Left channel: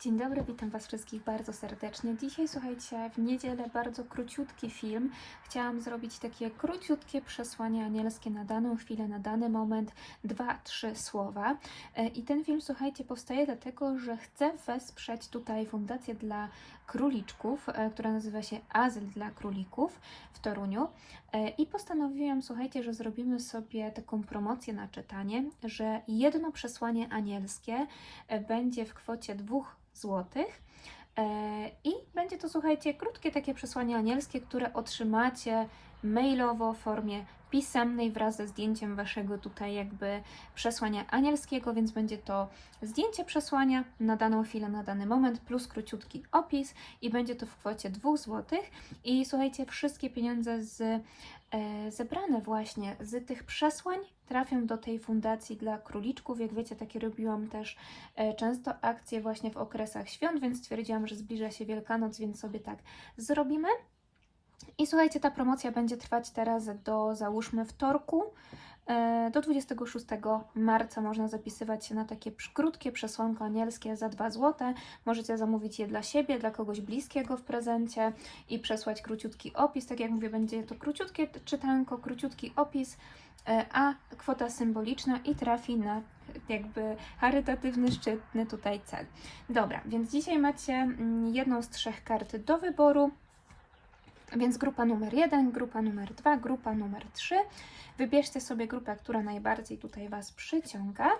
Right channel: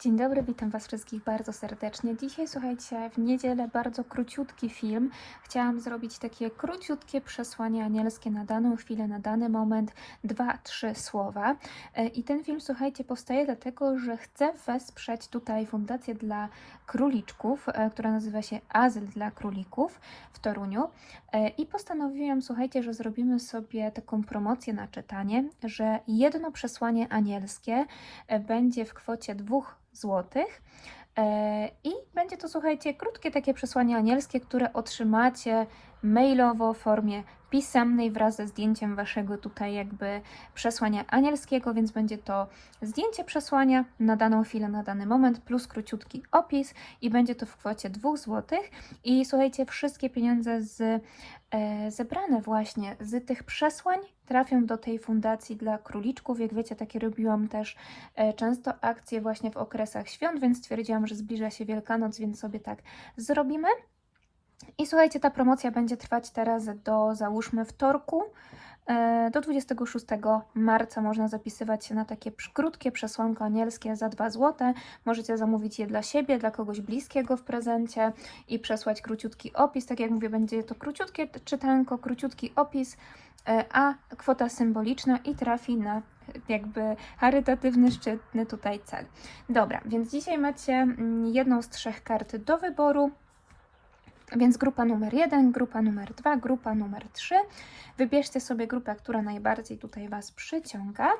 Dzień dobry, witam Was wszystkich bardzo serdecznie. Dzisiaj, słuchajcie, w niedzielę bardzo króciutki film. Chciałam zrobić takie króciutkie przesłanie anielskie na daną chwilę, na dany moment, dwa, trzy słowa. E, I ten film, słuchajcie, powstaje dlatego, że chcę wesprzeć tutaj Fundację dla Króliczków, e, która nazywa się Azyl dla Królików w Toruniu. E, I postanowiłam, słuchajcie, że zrobimy sobie taką promocję na czytanie, że jedno przesłanie anielskie e, będzie w kwocie dwóch złotych. E, I będzie to, słuchajcie, krótkie takie przesłanie anielskie, które otrzymacie mailowo w formie pisemnej wraz ze zdjęciem waszego tutaj jakby przesłania anielskiego, więc będzie to zdjęcie przesłania na daną chwilę, na dany moment, plus króciutki opis i będzie to w kwocie 2 zł. I słuchajcie, wszystkie pieniądze z e, zebrane właśnie z tych przesłań trafią do tej fundacji dla króliczków. Jak wiecie, takie robiłam też e, często akcje właśnie w okresach świąt, więc stwierdziłam, że zbliża się Wielkanoc, więc sobie tak zrobimy. I słuchajcie, ta promocja będzie trwać teraz do załóżmy wtorku. e, Do 26 marca można zapisywać się na takie krótkie przesłanko anielskie za 2 zł. Możecie zamówić je dla siebie, dla kogoś bliskiego w prezencie i przesłać króciutki opis. Tak jak mówię, będzie to króciutkie czytanko, króciutki opis, e, a kwota symboliczna i trafi na jakby charytatywny, szczytny tutaj cel. Dobra, więc dzisiaj macie mm, jedną z trzech kart do wyboru. Więc grupa numer 1, grupa numer 2, grupa numer 3. Wybierzcie sobie grupę, która najbardziej tutaj Was przyciąga.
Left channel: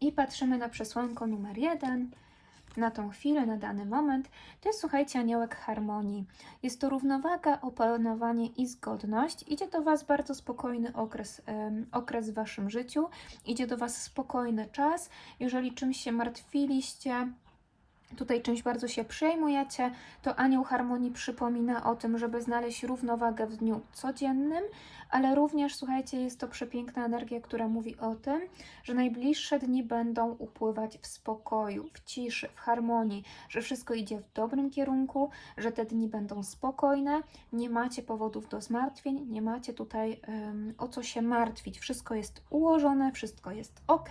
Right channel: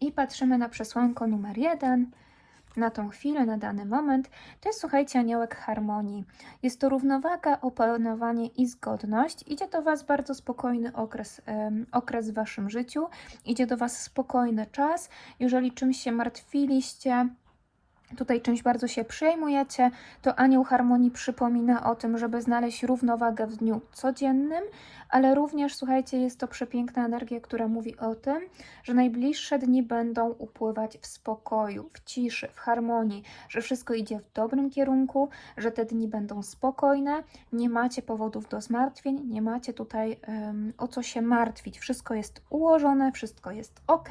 I patrzymy na przesłanko numer 1, na tą chwilę, na dany moment. To jest, słuchajcie, aniołek harmonii. Jest to równowaga, opanowanie i zgodność. Idzie do Was bardzo spokojny okres, em, okres w Waszym życiu. Idzie do Was spokojny czas. Jeżeli czymś się martwiliście, tutaj czymś bardzo się przejmujecie, to Anioł Harmonii przypomina o tym, żeby znaleźć równowagę w dniu codziennym, ale również, słuchajcie, jest to przepiękna energia, która mówi o tym, że najbliższe dni będą upływać w spokoju, w ciszy, w harmonii, że wszystko idzie w dobrym kierunku, że te dni będą spokojne, nie macie powodów do zmartwień, nie macie tutaj em, o co się martwić. Wszystko jest ułożone, wszystko jest ok,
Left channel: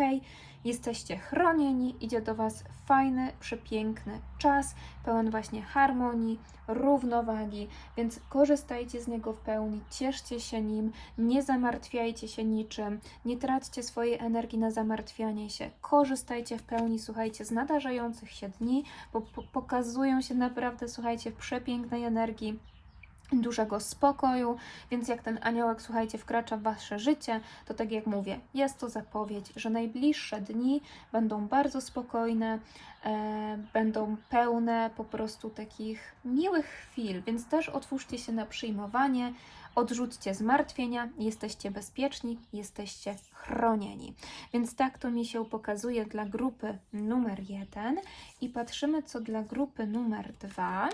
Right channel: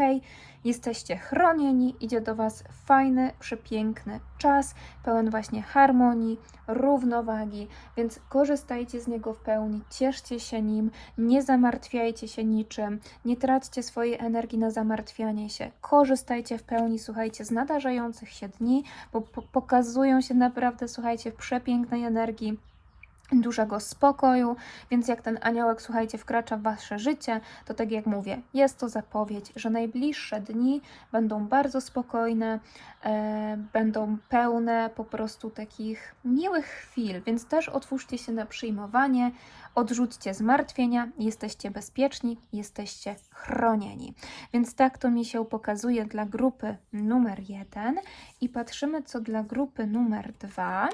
jesteście chronieni, idzie do Was fajny, przepiękny czas, pełen właśnie harmonii, równowagi, więc korzystajcie z niego w pełni, cieszcie się nim, nie zamartwiajcie się niczym, nie traćcie swojej energii na zamartwianie się, korzystajcie w pełni, słuchajcie, z nadarzających się dni, bo po- pokazują się naprawdę, słuchajcie, w przepięknej energii dużego spokoju, więc jak ten aniołek, słuchajcie, wkracza w wasze życie, to tak jak mówię, jest to zapowiedź, że najbliższe dni będą bardzo spokojne, e, będą pełne po prostu takich miłych chwil, więc też otwórzcie się na przyjmowanie, odrzućcie zmartwienia, jesteście bezpieczni, jesteście chronieni. Więc tak to mi się pokazuje dla grupy numer jeden i patrzymy co dla grupy numer dwa.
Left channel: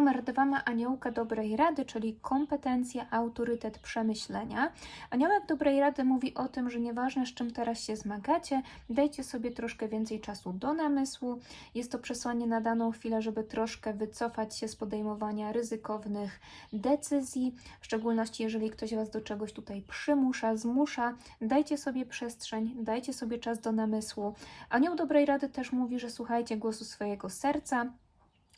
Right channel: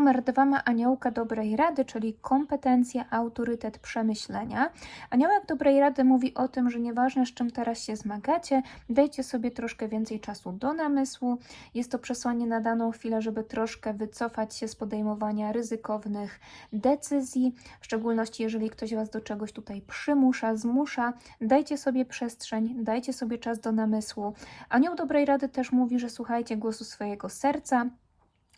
Numer dwa ma aniołka dobrej rady, czyli kompetencje, autorytet, przemyślenia. Aniołek dobrej rady mówi o tym, że nieważne z czym teraz się zmagacie, dajcie sobie troszkę więcej czasu do namysłu. Jest to przesłanie na daną chwilę, żeby troszkę wycofać się z podejmowania ryzykownych decyzji, w szczególności jeżeli ktoś Was do czegoś tutaj przymusza, zmusza. Dajcie sobie przestrzeń, dajcie sobie czas do namysłu. Anioł dobrej rady też mówi, że słuchajcie głosu swojego serca.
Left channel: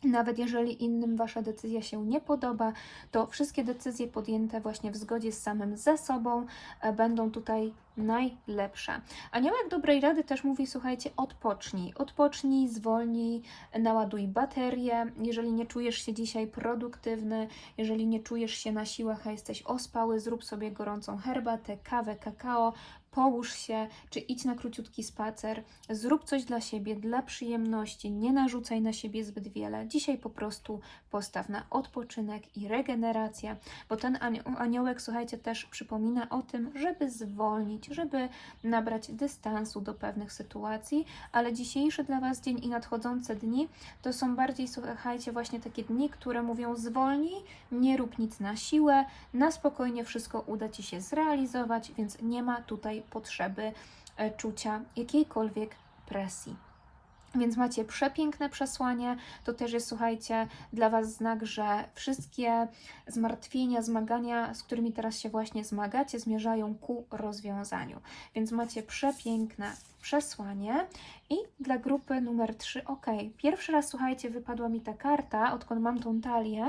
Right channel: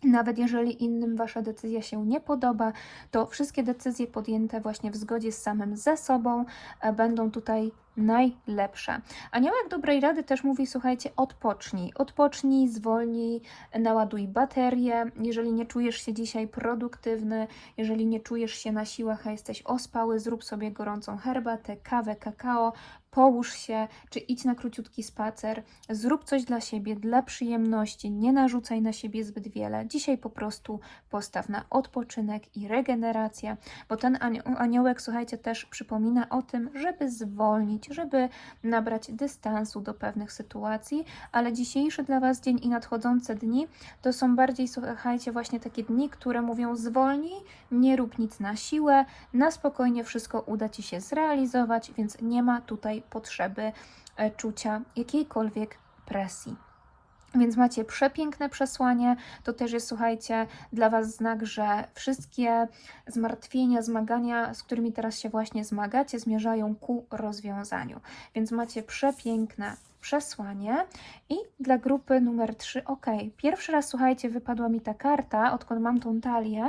Nawet jeżeli innym wasza decyzja się nie podoba, to wszystkie decyzje podjęte właśnie w zgodzie z samym ze sobą e, będą tutaj najlepsze. Aniołek dobrej rady też mówi: słuchajcie, odpocznij, odpocznij, zwolnij, naładuj baterię. Jeżeli nie czujesz się dzisiaj produktywny, jeżeli nie czujesz się na siłach, a jesteś ospały, zrób sobie gorącą herbatę, kawę, kakao. Połóż się, czy idź na króciutki spacer, zrób coś dla siebie, dla przyjemności, nie narzucaj na siebie zbyt wiele. Dzisiaj po prostu postaw na odpoczynek i regenerację, bo ten anio- aniołek, słuchajcie, też przypomina o tym, żeby zwolnić, żeby nabrać dystansu do pewnych sytuacji, ale dzisiejszy dla Was dzień i nadchodzące dni to są bardziej, słuchajcie, właśnie takie dni, które mówią zwolnij, nie rób nic na siłę, na spokojnie wszystko uda Ci się zrealizować, więc nie ma tutaj potrzeby e, czucia jakiejkolwiek presji. Więc macie przepiękne przesłanie. To też jest, słuchajcie, dla Was znak, że wszystkie zmartwienia, zmagania, z którymi teraz się właśnie zmagacie, zmierzają ku rozwiązaniu. Więc macie przepiękne przesłanie. I dla grupy numer 3, ok. Pierwszy raz, słuchajcie, wypadła mi ta karta, odkąd mam tą talię,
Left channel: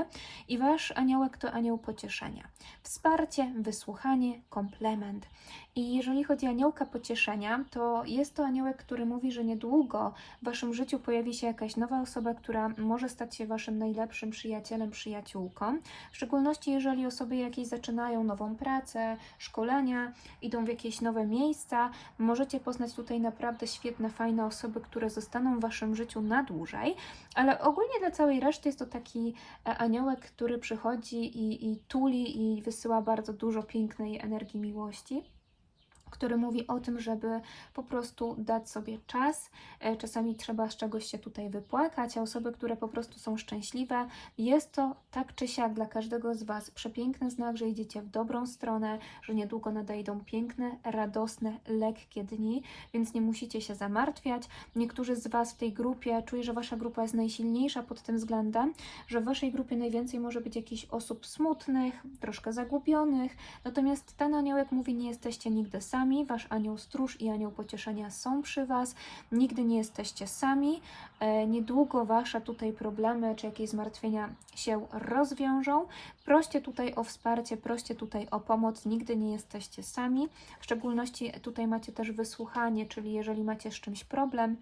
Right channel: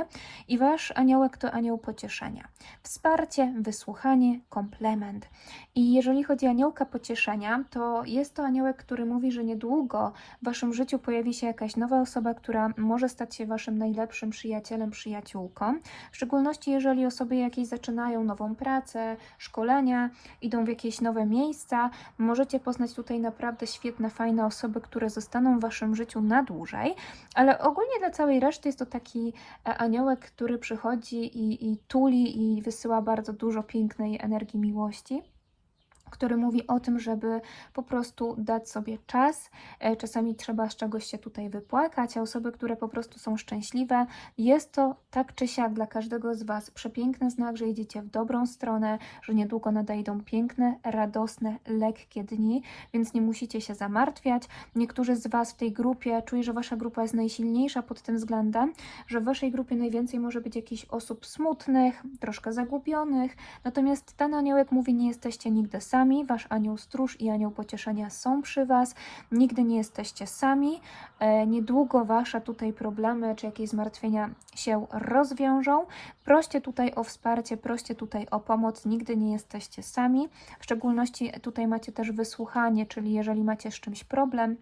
i Wasz aniołek to anioł pocieszenia. Wsparcie, wysłuchanie, komplement. I jeżeli chodzi o aniołka pocieszenia, to jest to aniołek, który mówi, że niedługo w Waszym życiu pojawi się jakaś nowa osoba, która może stać się Waszym najlepszym przyjacielem, przyjaciółką. W szczególności jeżeli osoby jakieś zaczynają nową pracę, szkolenia, idą w jakieś nowe miejsca, możecie poznać tutaj naprawdę świetne, fajne osoby, które zostaną w Waszym życiu na dłużej. Ale ogólnie dla całej reszty jest to taki e, aniołek, który przychodzi i, i tuli i wysyła bardzo dużo pięknej energii miłości który mówi o tym, żeby po prostu dać sobie czas. E, Czasami trzeba z czegoś się tutaj wypłakać, a osoby, które po prostu są szczęśliwe, jest to tak czy siak dla każdego z Was przepiękny znak, że idziecie w dobrą stronę, że niedługo nadejdą piękne, radosne, lekkie dni, więc nie musicie się zamartwiać. Niektórzy z Was w tej grupie, czuję, że Wasza grupa jest najsilniejsza pod tym względem, że w Waszej grupie najwięcej może być jakichś osób smutnych, troszkę zagubionych, natomiast ten aniołek mówi, nie jesteście nigdy sami, Wasz anioł stróż i anioł pocieszenia są przy Was, nigdy nie jesteście sami, E, niedługo Wasze tutaj problemy czy jakieś zmartwienia się rozwiążą. Proście tutaj o wsparcie, proście tutaj o pomoc, nigdy nie jesteście sami. W szczególności tutaj macie też wysłuchanie, czyli jeżeli macie z czymś problem,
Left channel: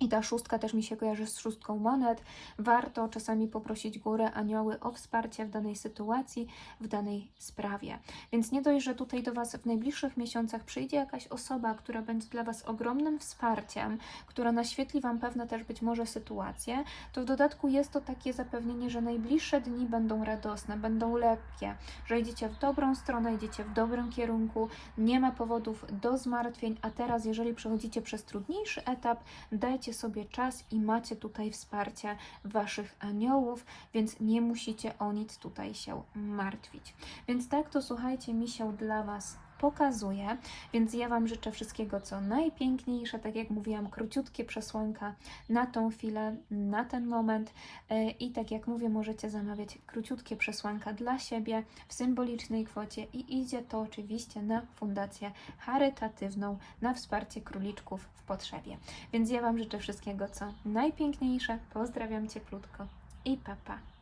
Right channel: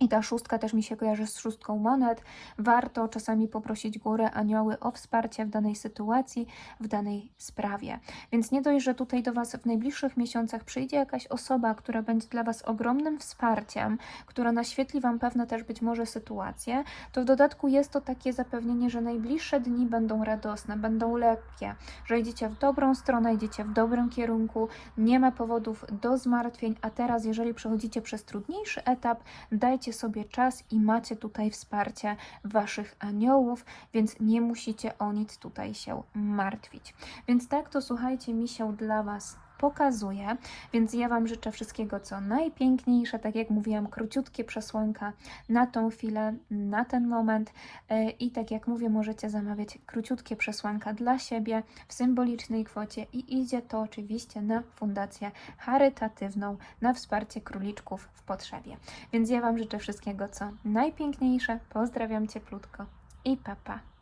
i ta szóstka też mi się kojarzy z szóstką monet. Warto czasami poprosić górę, anioły o wsparcie w danej sytuacji, w danej sprawie. Więc nie dość, że tutaj do Was w najbliższych miesiącach przyjdzie jakaś osoba, która będzie dla Was ogromnym wsparciem, która naświetli Wam pewne też być może sytuacje, to w dodatku jest to takie zapewnienie, że najbliższe dni będą radosne, będą lekkie, że idziecie w dobrą stronę, idziecie w dobrym kierunku, nie ma powodów do zmartwień, a teraz, jeżeli przechodzicie przez trudniejszy etap, dajcie sobie czas i macie tutaj wsparcie Waszych aniołów, więc nie musicie o nic tutaj się martwić. Więc tak to słuchajcie, mi się dla Was pokazuje, więc ja Wam życzę wszystkiego co najpiękniejsze, tak jak mówiłam, króciutkie przesłanka na tą chwilę, na ten moment E, i tak jak mówię, możecie zamawiać króciutkie przesłanka dla siebie w symbolicznej kwocie i idzie to oczywiście na fundację charytatywną, na wsparcie króliczków w potrzebie. Więc ja Wam życzę wszystkiego co najpiękniejsze, pozdrawiam cieplutko i papa. Pa.